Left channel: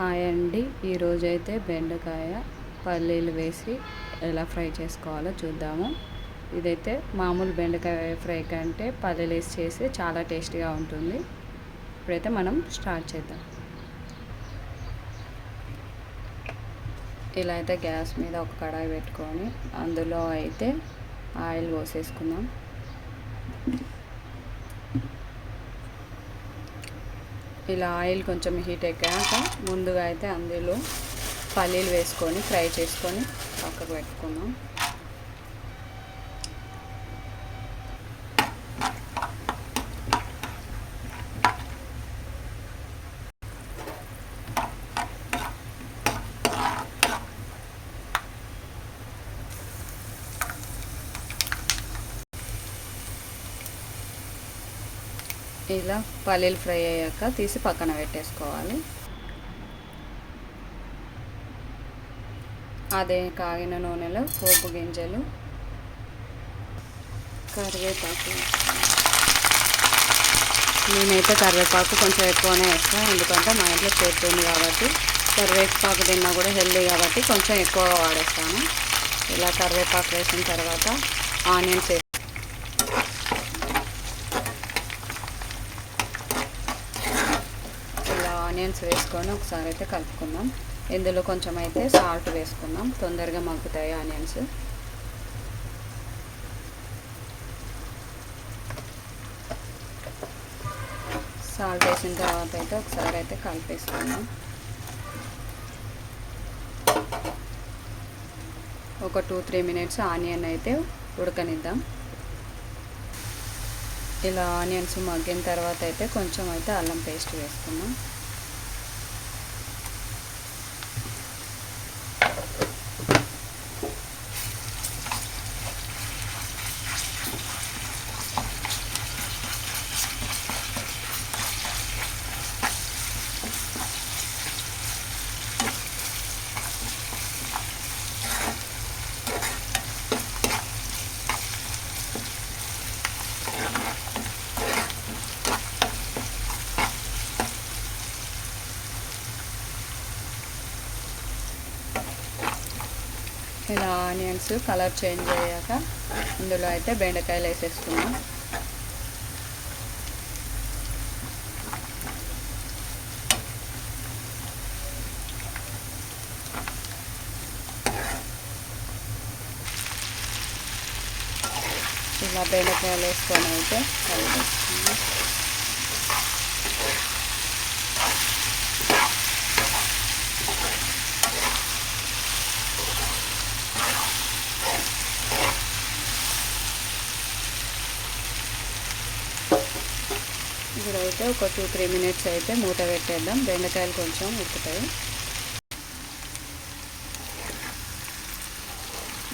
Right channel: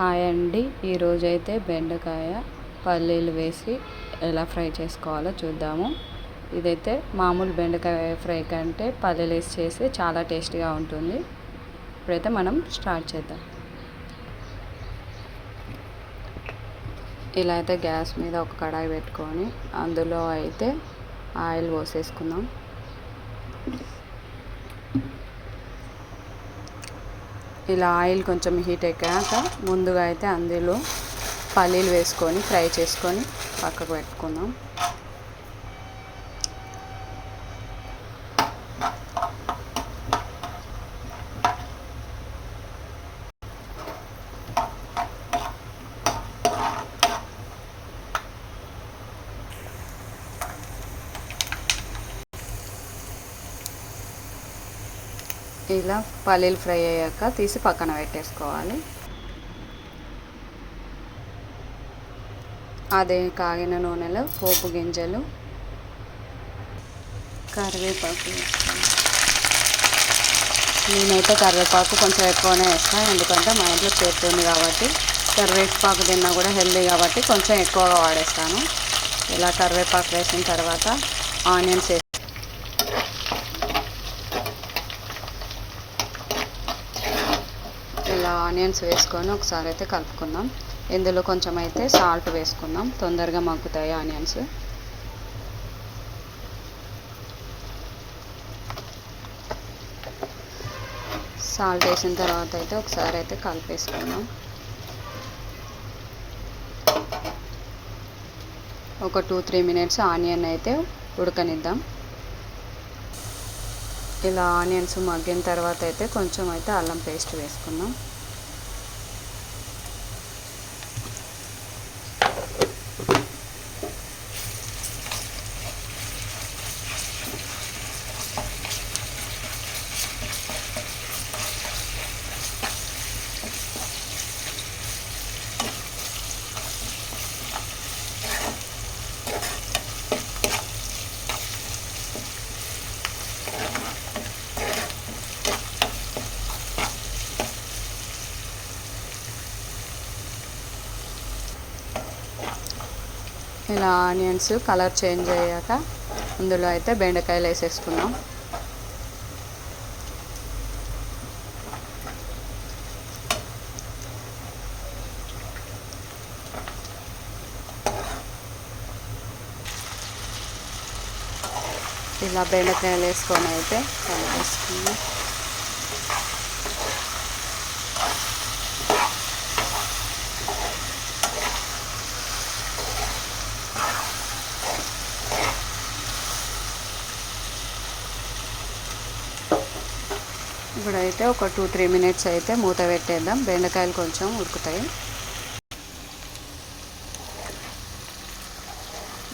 Hi అండి. ఈరోజైతే బెండకాయ పల్లీలు వేసి ఎలా ఫ్రై చేసుకోవాలో చూద్దాము. ఇదైతే మామూలు బెండకాయ ఫ్రై కంటే పల్లీలు వేసి చేస్తే చాలా టేస్టీగా ఉంటుంది. ఇప్పుడైతే మనం స్టార్ట్ చేద్దాం. ఇలా అయితే గ్యాస్ మీద ఒక కడాయి పెట్టుకొని అందులో అయితే ఆయిల్ పోసేసుకుందాం. ఇలా ఆయిల్ కొంచెం హీట్ ఎక్కాక ముందుగా అయితే అందులో పల్లీలు వేసుకొని ఫ్రై చేసుకొని పక్కకు పెట్టుకుందాం. ఇలా పల్లీలు ఫ్రై అయ్యాక తీసి పక్కన పెట్టేసుకోవాలి. అదే కాగిన నూనెలో పోపు గింజలు, కరివేపాకు. నేనైతే కరివేపాకు కొంచెం ఎక్కువనే వేస్తాను, ఎందుకంటే మా ఇంట్లో చేస్తుంది కాబట్టి. కరివేపాకు తిన్నా కూడా హెల్దీ కాబట్టి కొంచెం ఎక్కువగా వాడేస్తాను. ఇలా కరివేపాకు వేసిన తర్వాత ఆనియన్స్ ఆనియన్స్ వేసుకొని ఒకసారి అయితే కలుపుకుందాం. ఇందులో కొంచెం అయితే సాల్ట్ వేసుకుందాం, తొందరగా మగ్గుతాయి ఆనియన్స్. సాల్ట్ వేసిన తర్వాత అయితే ఒకసారి అయితే కలిపేసుకుందాం. ఒక 2-3 మినిట్స్ ఆనియన్ అయితే ఉడకనిద్దాం. ఇలా ఆనియన్స్ మగ్గిన తర్వాత అయితే కొంచెం అయితే అల్లం పేస్ట్ వేసుకుందాం. ఇలా ఆనియన్స్ కలర్ చేంజ్ అయ్యాక అందులో అయితే బెండకాయలు వేసేసుకుందాం. ఇలా బెండకాయలు వేసుకొని అయితే కలిపేసుకుందాం. ఇప్పుడైతే ఒక 2-3 మినిట్స్ అయితే మూత పెట్టేద్దాం, బెండకాయలు కొంచెం ఉడుకుతాయి.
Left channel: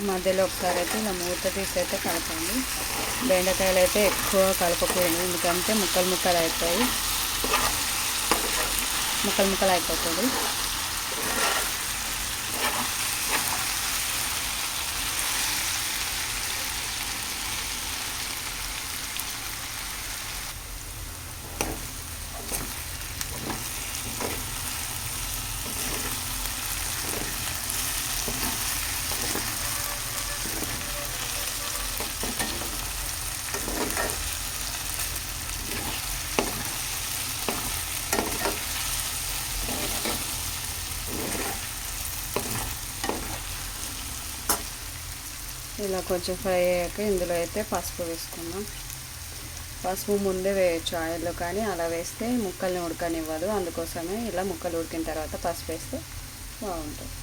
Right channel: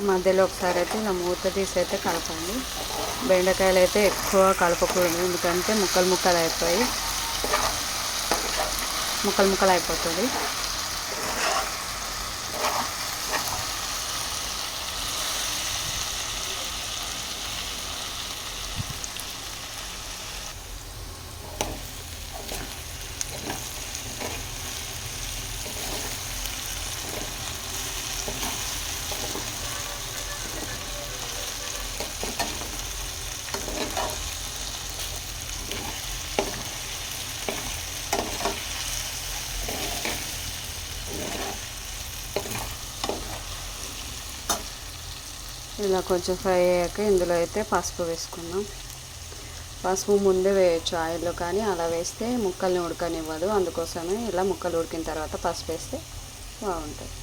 మధ్యలో ఒకసారి అయితే ఇలా మూత తీసి అయితే కలపండి. బెండకాయలు అయితే ఎక్కువ కలపకూడదు, ఎందుకంటే ముక్కలు ముక్కలు అయిపోతుంది. ఇలా కొంచెం ఫ్రై అయ్యాక ఇందులో అయితే పసుపు వేసుకుందాం. పసుపు ముందే వేయచ్చు ఆయిల్లో, కానీ అలా వేస్తే ముక్కల్ని ఉడకనివ్వదు. అందుకోసమే ఇలా ముక్కలు ఉడికిన తర్వాత పసుపు వేస్తే బాగుంటుంది.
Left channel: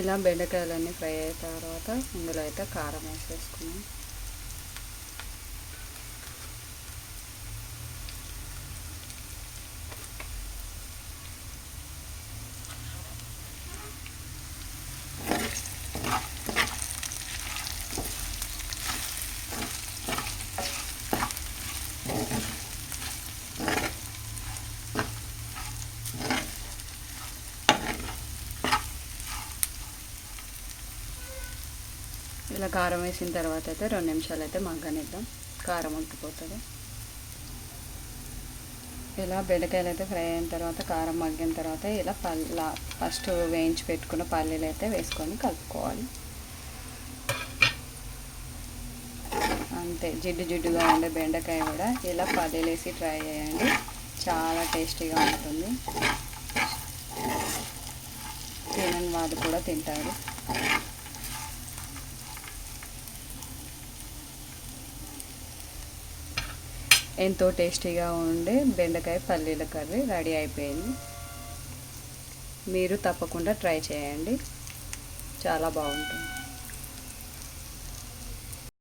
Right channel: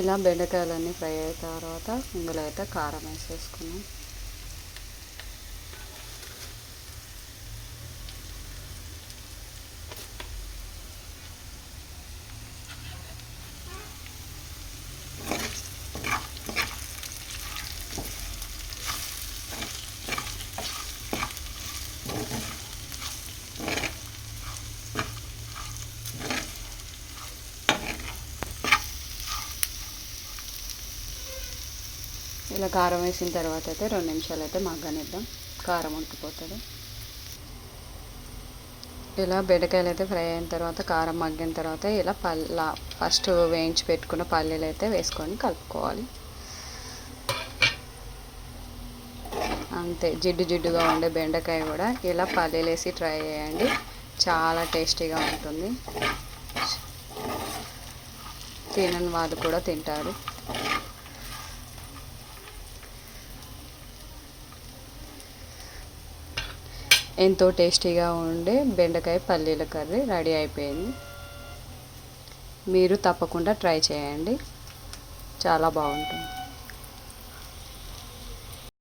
ఇలా బెండకాయలన్నీ ఫ్రై అయిన తర్వాత ఇందులో అయితే కారం వేసేసుకున్నాం. ఇలా కారం వేసిన తర్వాత అయితే 2 నిమిషాలు అయితే మగ్గనిద్దాం, కారం ఉడికిపోతుంది. ఇలా బెండకాయలు అయితే ఫ్రై అయిన తర్వాత కారం మగ్గిన తర్వాత ఇలా ఫస్ట్ వేయించి పెట్టుకున్న పల్లీలు అయితే వేసుకొని కలుపుకోవాలి. అంతే, జిడ్డు జిడ్డుగా ఉండే బెండకాయ కూడా ఇలా పల్లీలు వేసి ట్రై చేయండి, చాలా టేస్టీగా ఉంటుంది. తినని వాళ్ళు కూడా తింటారు. ఎంతో టేస్టీగా ఉండే బెండకాయ పల్లీల కర్రీ రెడీ అయిపోయింది. మీరు తప్పకుండా ట్రై చేయండి, చాలా బాగుంటుంది.